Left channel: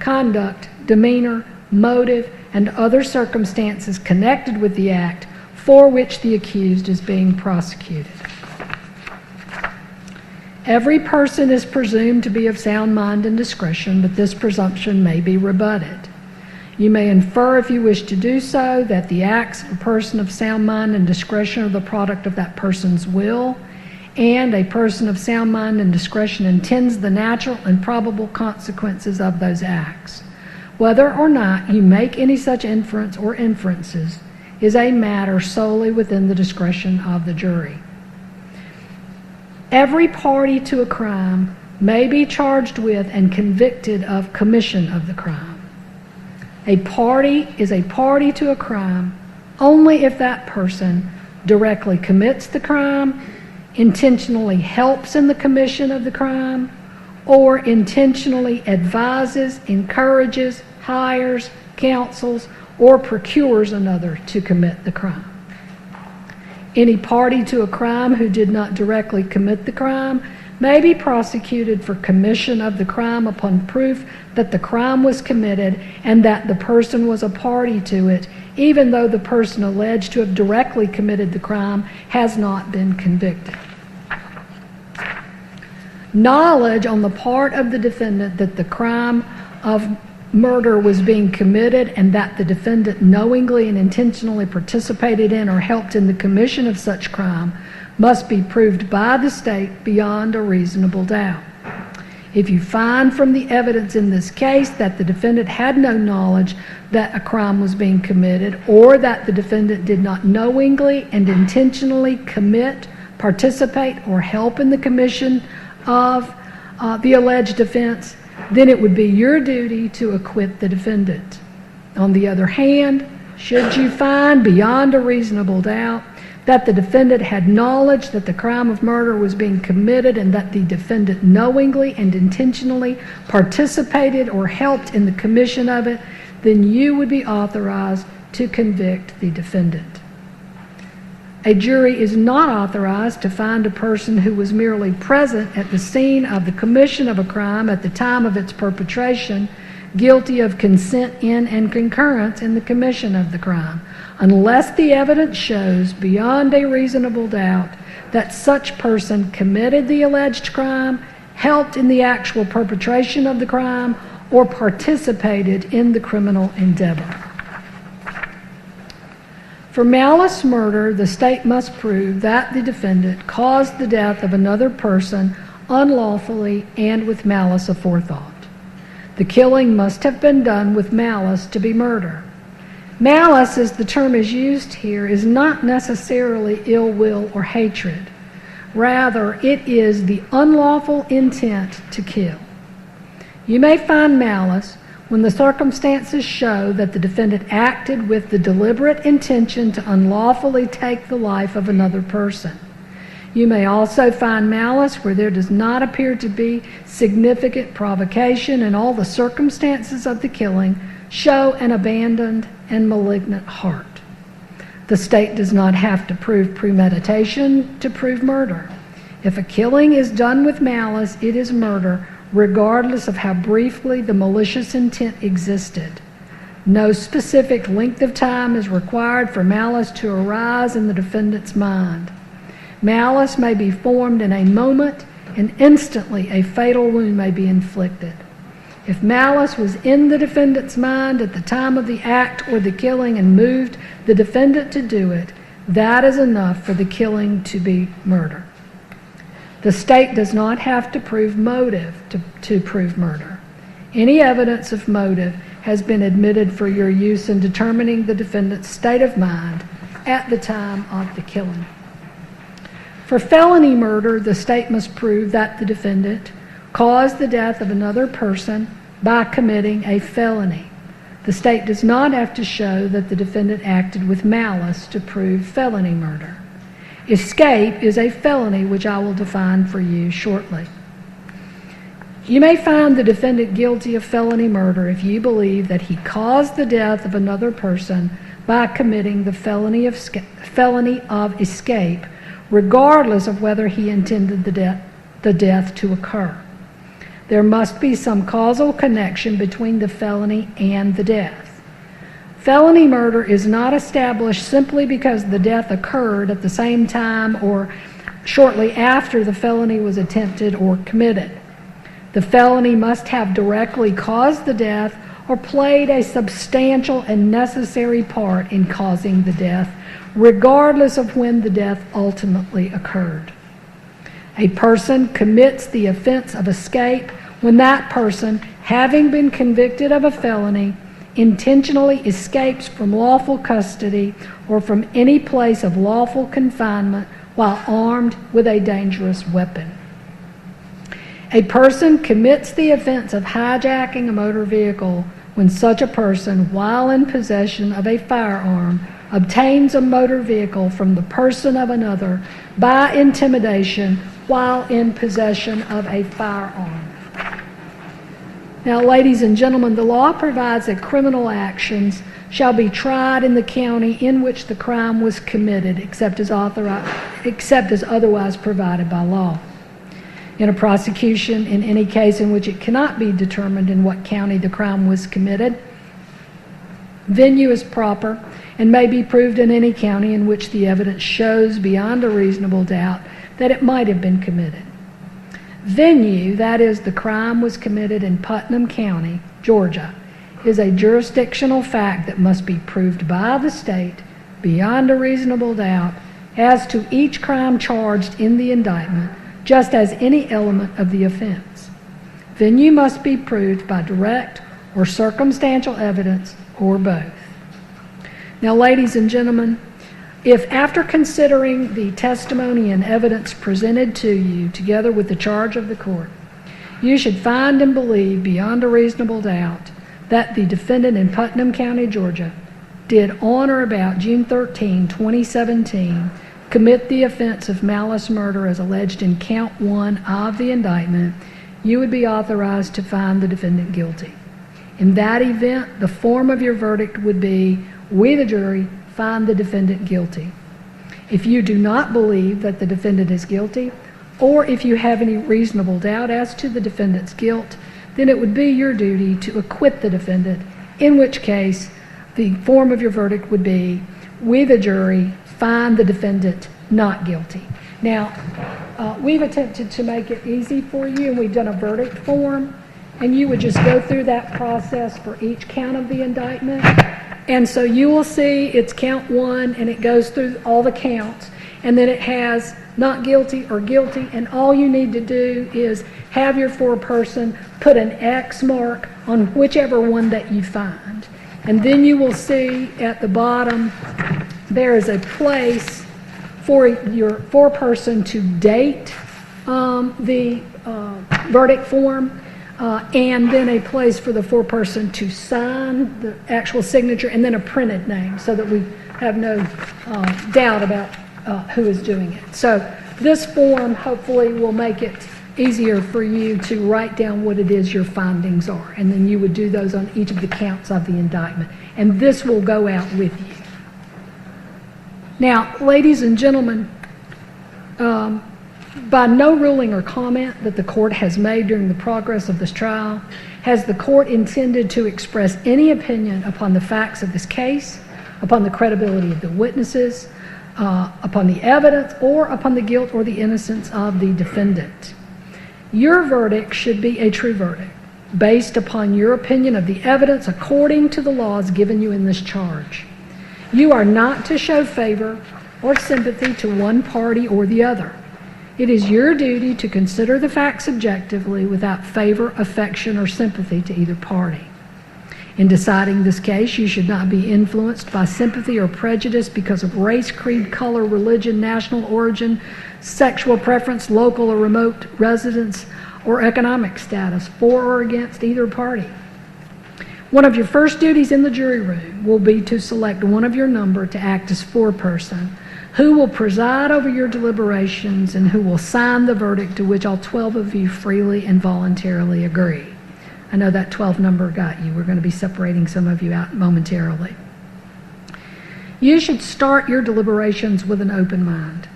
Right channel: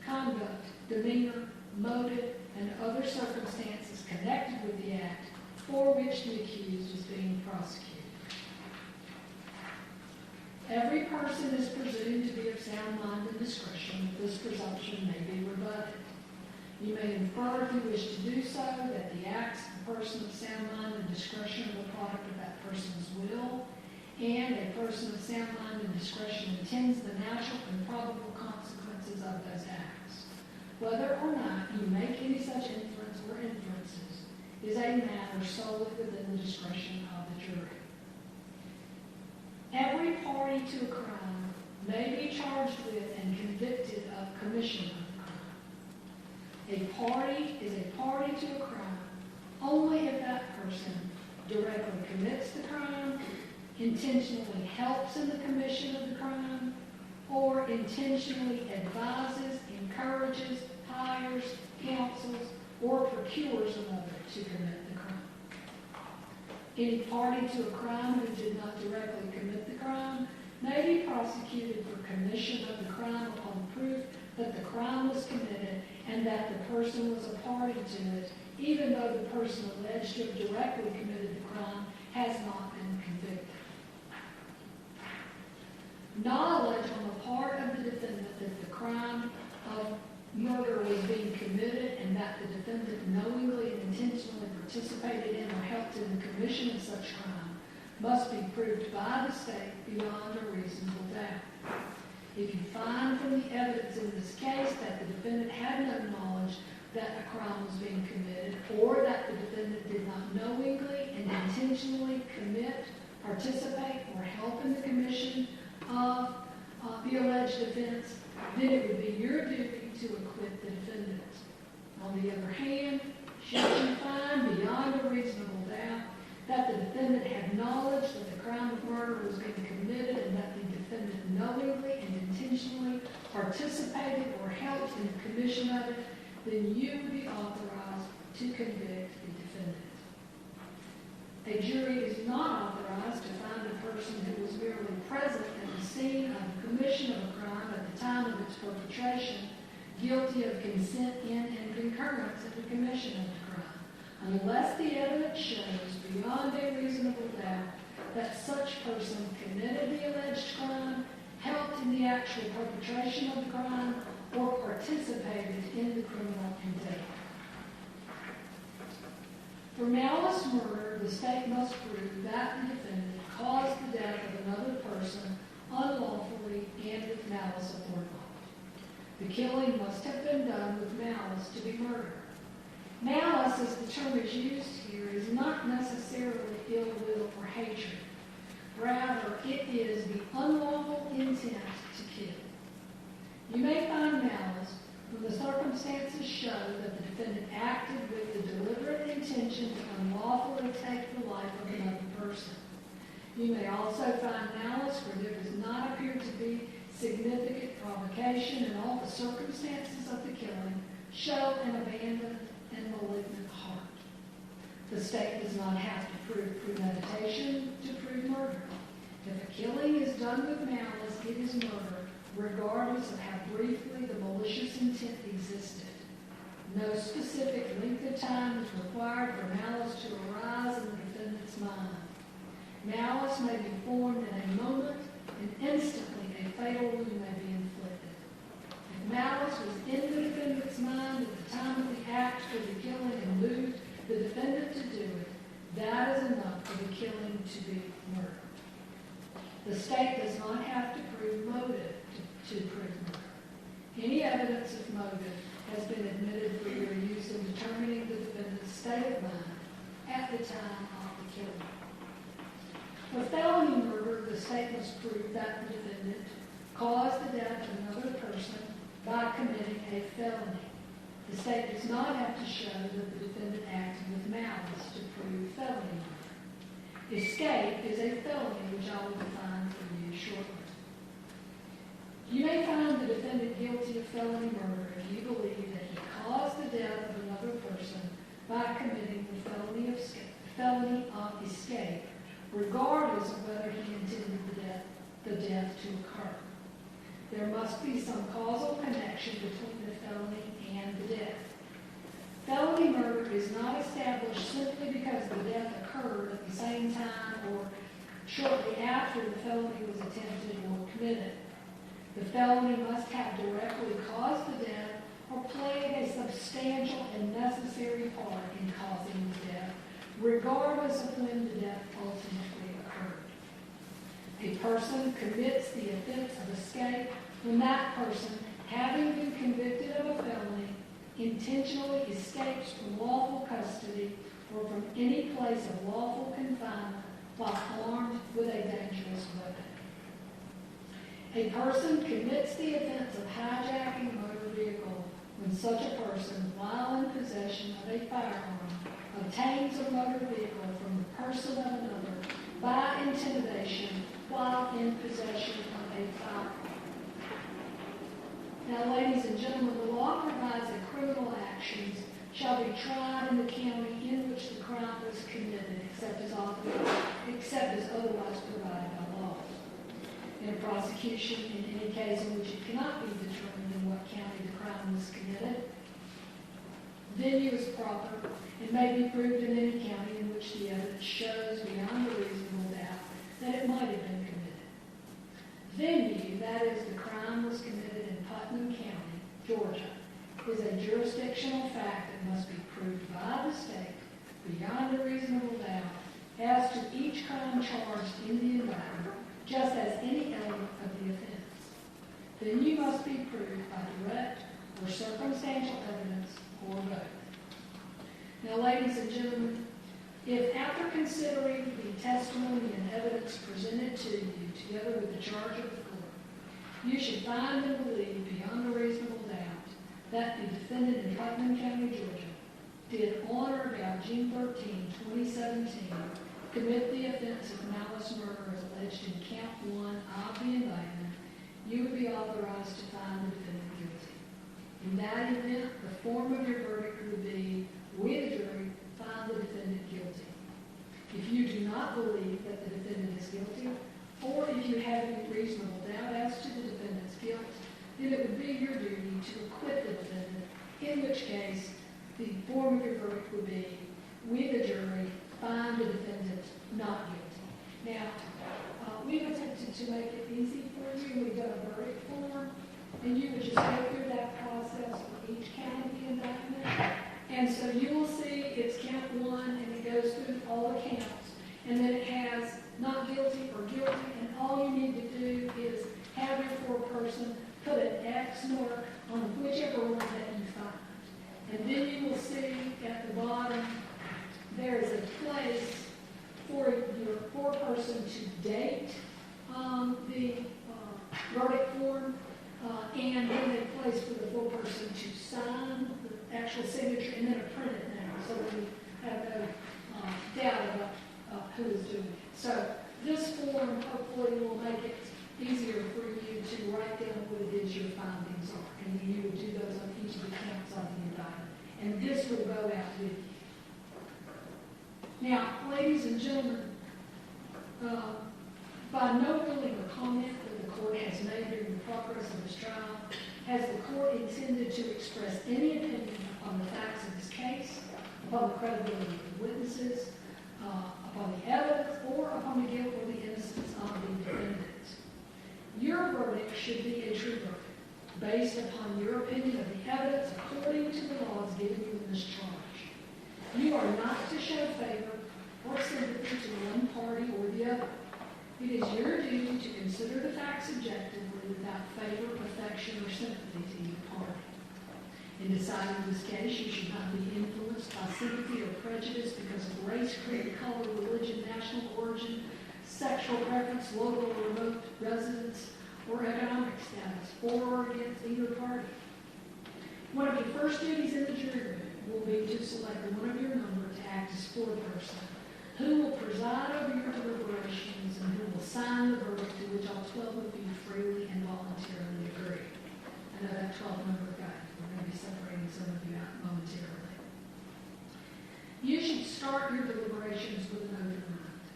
conduct, demeanor, motive, and other circumstances connected with the act for which the accused is being prosecuted. Every person is presumed to be of sound mind and discretion, but this presumption may be rebutted. You may infer, if you wish to do so, that the acts of a person of sound mind and discretion are the product of that person's will, and a person of sound mind and discretion intends the natural and probable consequences of those acts. Whether or not you make any such inference or inferences is a matter solely within the discretion of the jury. Every party to a crime may be charged with and convicted of commission of the crime. A party is a party to a crime only if that person directly commits the crime, intentionally helps in the commission of the crime, or intentionally advises, encourages, hires, counsels, or procures another to commit the crime. Any party to a crime who did not directly commit the crime may be prosecuted for commission of the crime upon proof that the crime was committed and that the person was a party to it, even though the person alleged to have directly committed the crime has not been convicted. Knowledge on the part of the defendant that the crime of murder was being committed and that the defendant knowingly and intentionally participated in or helped in the commission of such crime must be proved by the state beyond a reasonable doubt. If you find from the evidence in this case that the defendant had no knowledge that a crime was being committed, or that the defendant did not knowingly and intentionally commit, participate, or help in the commission of the alleged offense, then it would be your duty to acquit the defendant. On the other hand, should you find beyond a reasonable doubt that the defendant had knowledge that the crime of murder was being committed and that the defendant knowingly and intentionally participated or helped in the commission of it, then you would be authorized to convict the defendant. A jury is not authorized to find a person who was merely present at the scene of the commission of a crime at the time of its perpetration guilty of consent in and concurrence in the commission of the crime, unless the evidence shows beyond a reasonable doubt that such person committed the alleged crime, helped in the actual perpetration of the crime, or participated in the criminal endeavor. For malice murder, the state must prove that the defendant caused the death of another person unlawfully and with malice aforethought. The killing must have been done with malice to be murder. Malice, as the term is used here, is not necessarily ill will or hatred. Rather, it is the unlawful intent to kill. You may find malice when the circumstances show that the defendant acted with the deliberate intention to unlawfully take the life of another person. You may also find malice where there does not appear to be significant provocation and all the circumstances of the killing show an abandoned and malignant heart. The state does not have to prove premeditation to prove murder. If a killing is done with malice, it is murder, regardless of how briefly the malicious intent existed. No specific length of time is required for malice to arise in the defendant's mind. Malice may be formed in a moment, and instantly a fatal wound may be inflicted. If malice was in the defendant's mind at the time of the act or the killing and moved the defendant to do it, that is enough for the killing to be murder. The state does not have to prove motive to prove murder. Any evidence of motive has been admitted for your use in determining the defendant's state of mind at the time of the killing. For felony murder, the state must prove that the defendant caused the death of another person by committing a felony. The state does not have to show that the defendant acted with malice to prove felony murder. Escape is a felony, which I will define for you shortly. You may find the defendant guilty of felony murder if you believe that he caused the death of another person by committing the felony of escape, regardless of whether he intended the death to occur. There must be some causal connection between the felony and the death. Felony murder is not established simply because the death occurred at the same time or shortly after the felony was attempted or committed. The felony must have directly caused the death or played a substantial and necessary part in causing the death, regardless of when the death ultimately occurred. A person commits the offense of escape when that person, having been convicted of a felony, intentionally escapes from lawful custody or from any place of lawful confinement while armed with a dangerous weapon. A person commits the offense of hijacking a motor vehicle when such a person, while in possession of a firearm, obtains a motor vehicle from the person of another by intimidation while in possession of a firearm. Now, ladies and gentlemen, the law provides that criminal actions shall be tried in the county in which the crime was committed, except as otherwise provided by law. In a prosecution, in any case in which it cannot be determined in what county the crime was committed, venue is proper and may be proved in any county in which the evidence shows beyond a reasonable doubt that it might have been committed. Venue, that is, the crime was committed in Putnam County, Georgia, is a jurisdictional fact that must be proved by the state beyond a reasonable doubt as to each crime charged in the indictment, just as any element of the offense. Venue must be proved by direct or circumstantial evidence or both. Now, ladies and gentlemen, if after considering the testimony and evidence presented to you together with the charge of the court, you should find and believe beyond a reasonable doubt that the defendant in Putnam County, Georgia, did on or about June 13, 2017, commit the offense of malice murder as alleged in count 1 of the indictment, you would be authorized to find the defendant guilty. In that event, the form of your verdict would be, we the jury find the defendant guilty. If you do not believe that the defendant is guilty, or if you have any reasonable doubt as to the defendant's guilt, then it would be your duty to acquit the defendant, in which case the form of your verdict would be, we the jury find the defendant not guilty. Now, we've attempted to make it easy for you, and we've done a verdict form, and you would just go through that process for each count of the indictment. And so you will see it's count 1, and it goes through all the counts, and then it has not guilty or guilty, and all you need to do is have your foreperson put an X mark on whichever one that you find. And then you will see at the bottom there is a place for your foreperson to date the verdict form, and then a place for the foreperson to sign the actual signature, and then a printed name so that we have no doubt about who is doing it. So this form hopefully will make it easier for you to write down what it is your findings are, and then you would do those on each of the counts of the indictment, and this will go out with you. Now, ladies and gentlemen, by no ruling or comment that the court has made during the progress of this trial, has the court intended to express any opinion upon the facts of this case, upon the credibility of the witnesses, upon the evidence, or upon the guilt or the innocence of the defendant. Your verdict should be a true verdict, based upon your opinion of the evidence according to the laws given you in this charge. You are not to show favor or sympathy to one party or the other. It is your duty to consider the facts objectively without favor, affection, or sympathy to either party. In deciding this case, you should not be influenced by sympathy or prejudice because of race, creed, color, religion, national origin, sexual preference, local or remote residence, or economic status, for or against either party. One of your first duties in the jury room will be to select one of your number to act as foreperson, who will preside over your deliberations and who will sign the verdict to which all 12 of you freely and voluntarily agree. I know that 12 number got you. We're going to be separating some of you out momentarily. You should start your deliberations with an open mind.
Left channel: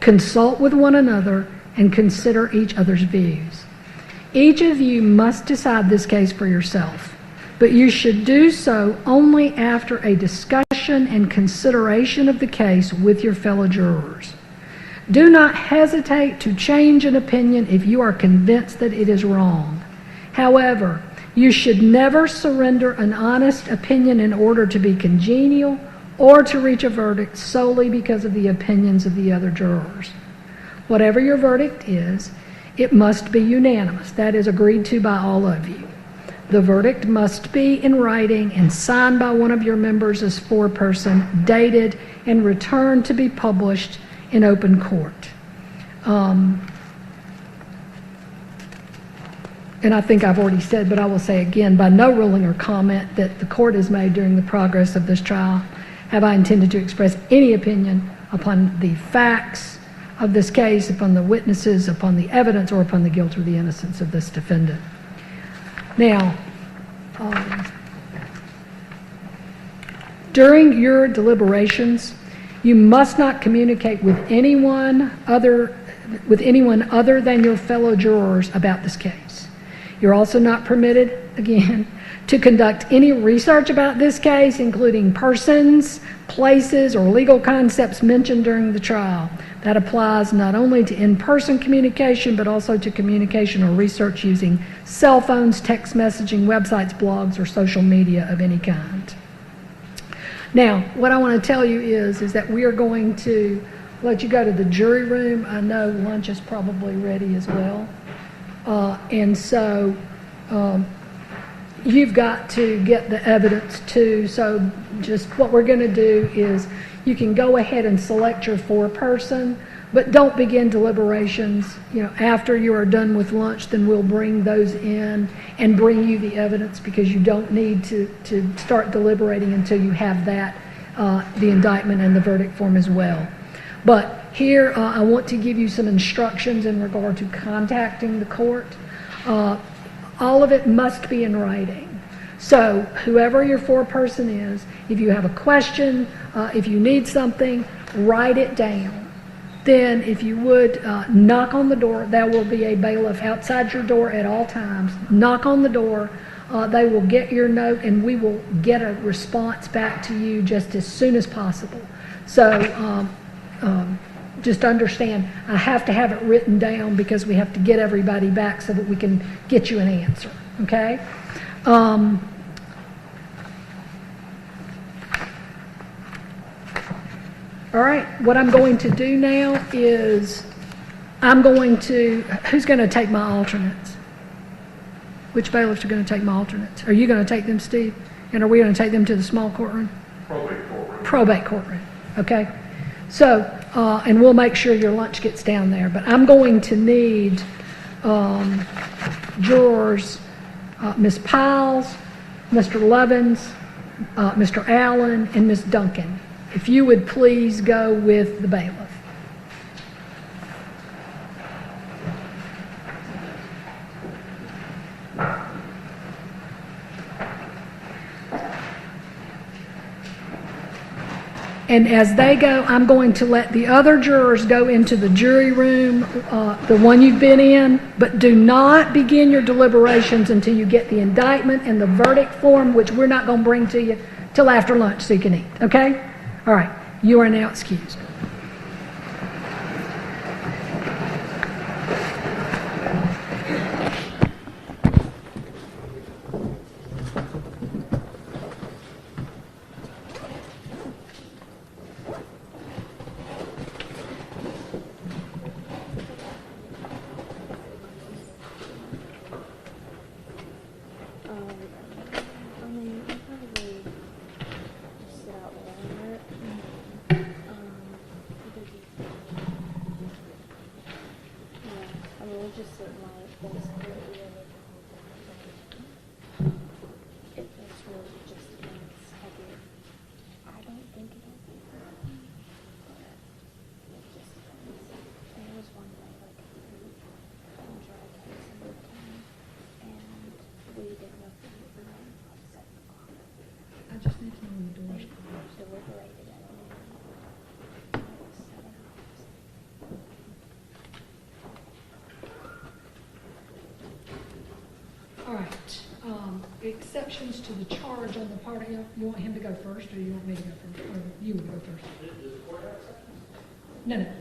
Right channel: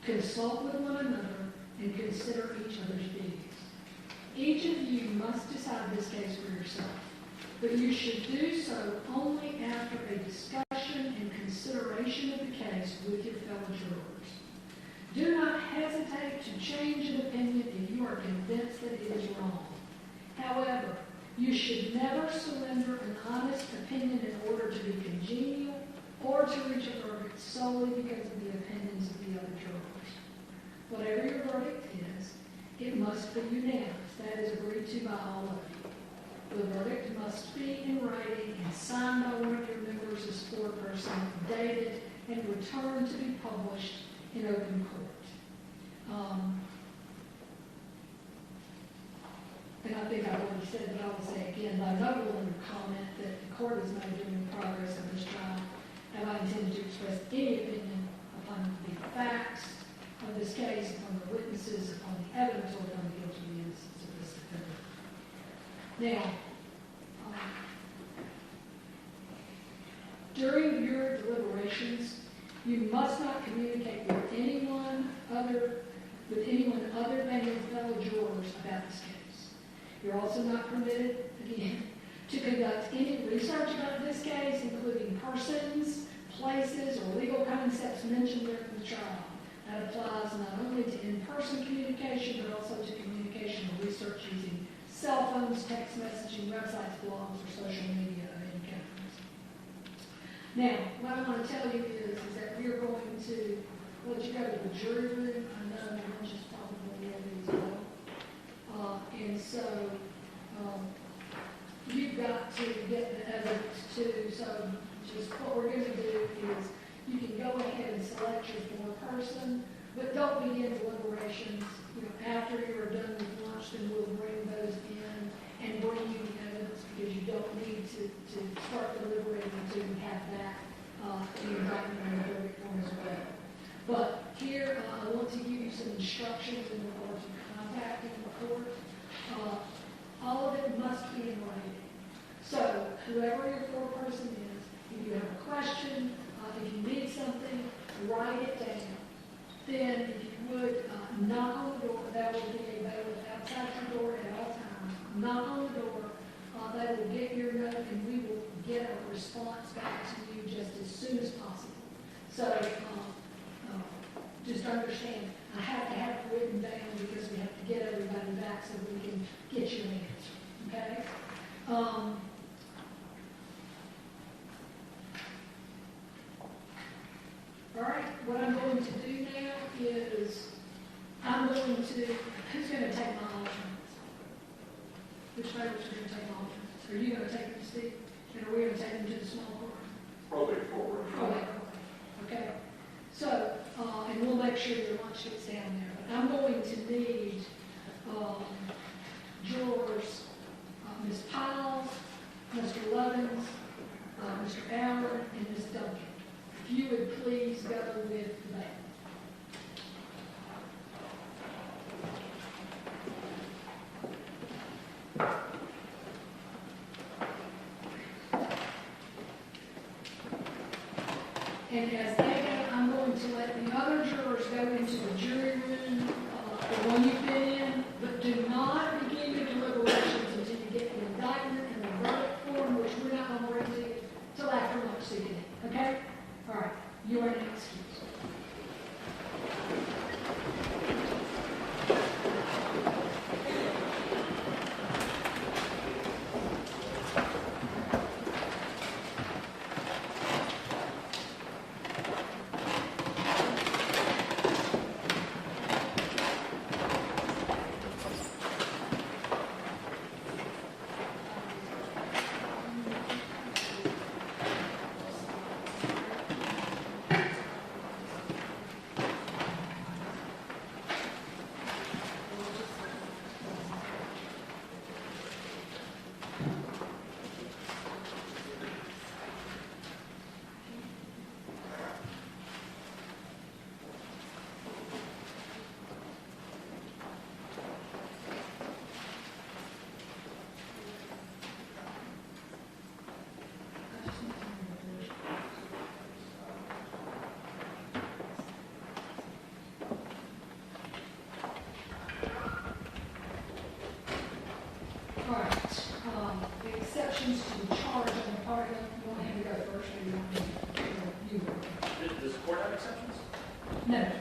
Consult with one another and consider each other's views. Each of you must decide this case for yourself, but you should do so only after a discussion and consideration of the case with your fellow jurors. Do not hesitate to change an opinion if you are convinced that it is wrong. However, you should never surrender an honest opinion in order to be congenial or to reach a verdict solely because of the opinions of the other jurors. Whatever your verdict is, it must be unanimous. That is agreed to by all of you. The verdict must be in writing and signed by one of your members as foreperson, dated and returned to be published in open court. And I think I've already said, but I will say again, by no ruling or comment that the court has made during the progress of this trial have I intended to express any opinion upon the facts of this case, upon the witnesses, upon the evidence, or upon the guilt or the innocence of this defendant. Now, during your deliberations, you must not communicate with anyone other than your fellow jurors about this case. You're also not permitted, again, to conduct any research about this case, including persons, places, or legal concepts mentioned during the trial. That applies not only to in-person communication, but also to communication or research using cell phones, text messaging, websites, blogs, or social media of any kind. Now, what I want to tell you is that we are going to let you go to the jury room. I know lunch is probably ready as well. And so you've got to get the evidence too. So just what we're going to do is you can go ahead and select your foreperson, but don't begin deliberations. After you are done with lunch, then we'll bring those in and bring you the evidence, because you don't need to start deliberating until you have that, the indictment and the verdict form as well. But here, I want to give you some instructions in regard to contacting the court. All of it must be in writing. So whoever your foreperson is, if you have a question, if you need something, write it down. Then if you would, knock on the door. There will be a bailiff outside your door at all times. Knock on the door. They will get your note, and we will get a response back to you just as soon as possible. So just understand, I have to have it written down because we have to get everybody back so that we can get you an answer, okay? All right, what I'm going to do now is who's going to take my alternates? Which bailiffs are going to take my alternates? Are you going to take them, Steve? And are we going to take them to the small courtroom? Probate courtroom. Probate courtroom, okay. So, and we'll make sure your lunch gets down there, but I'm going to need jurors, Ms. Piles, Mr. Levins, Mr. Allen, and Ms. Duncan. If you would please go with the bailiff. And as they go, I'm going to let the other jurors go into the jury room, the one you've been in, but do not begin your deliberations until you get the indictment and the verdict form, which we're not going to bring to you till after lunch so you can eat, okay? All right, you are now excused. You want him to go first, or you want me to, you go first? Does the court have exceptions? No. Okay.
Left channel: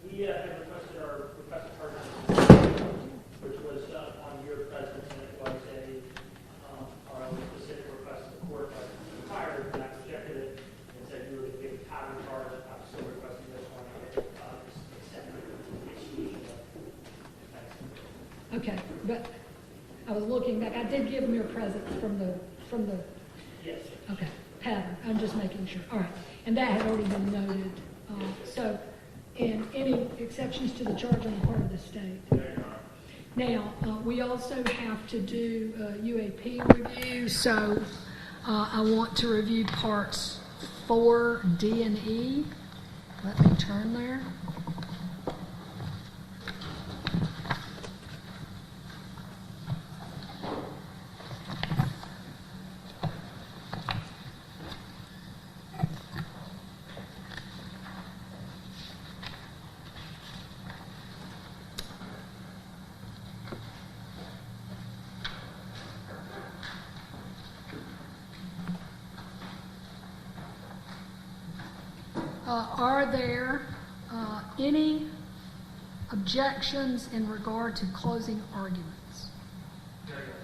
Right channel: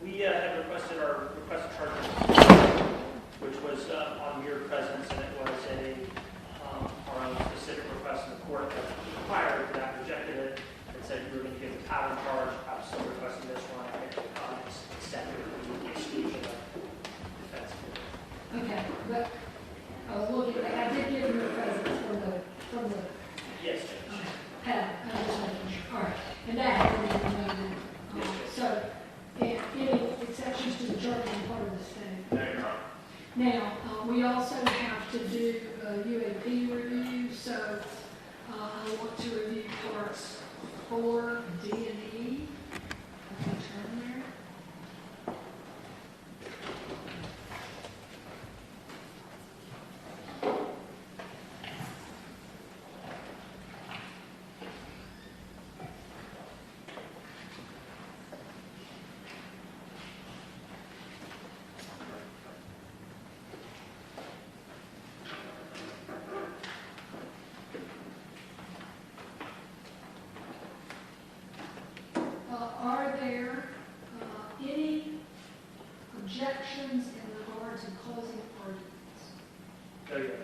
We have requested our requested charges, which was on mere presence, and it was our own specific request of the court that required that, rejected it, and said you were going to give the pattern charge. I'm still requesting this one. I think it's accepted with the exclusion of defense. Okay, but I was looking, I did give you a present from the, Yes, Judge. okay, pattern, I'm just making sure, all right. And that had already been noted. Yes, So, and any exceptions to the charge on the part of the state? No, Your Honor. Now, we also have to do UAP review, so I want to review parts 4, D, and E. Let me turn there. Are there any objections in regard to closing arguments? No, Your Honor.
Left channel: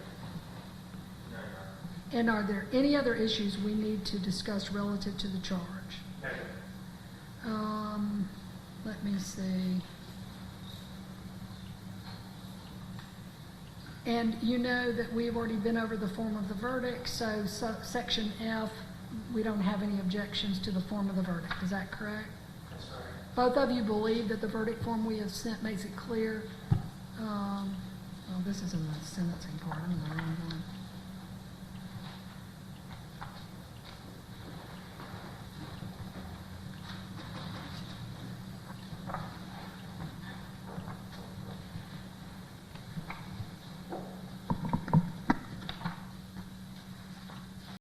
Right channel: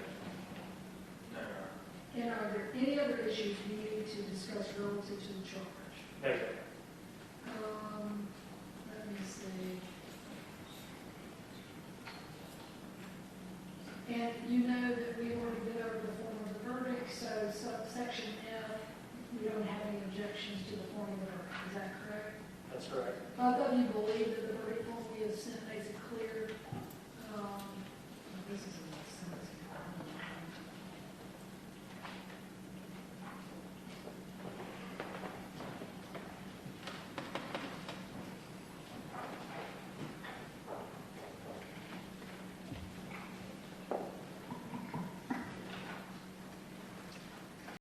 No, Your Honor. And are there any other issues we need to discuss relative to the charge? No, Your Honor. Let me see. And you know that we've already been over the form of the verdict, so subsection F, we don't have any objections to the form of the verdict. Is that correct? That's correct. Both of you believe that the verdict form we have sent makes it clear. Well, this is in the sentencing part. I'm not in